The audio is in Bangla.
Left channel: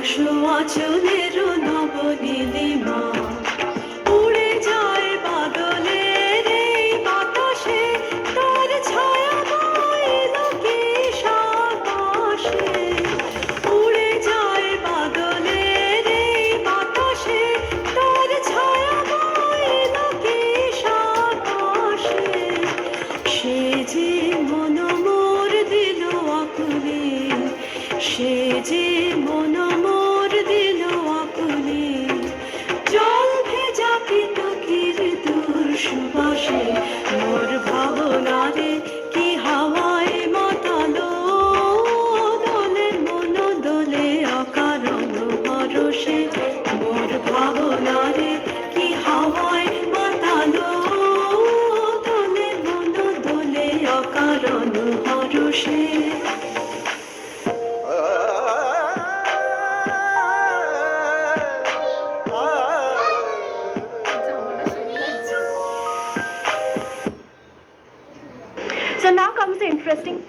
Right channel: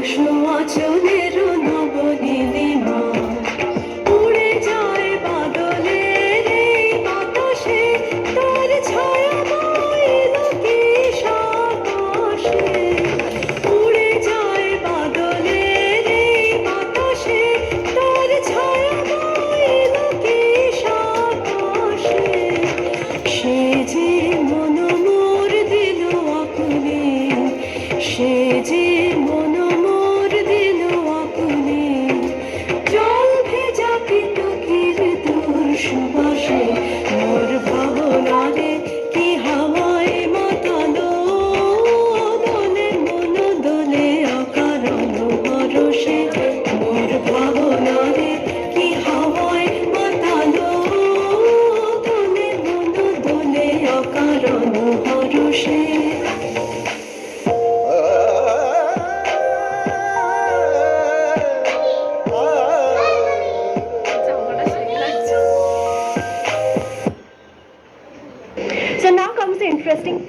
আসো অচলের নবনীলে interesting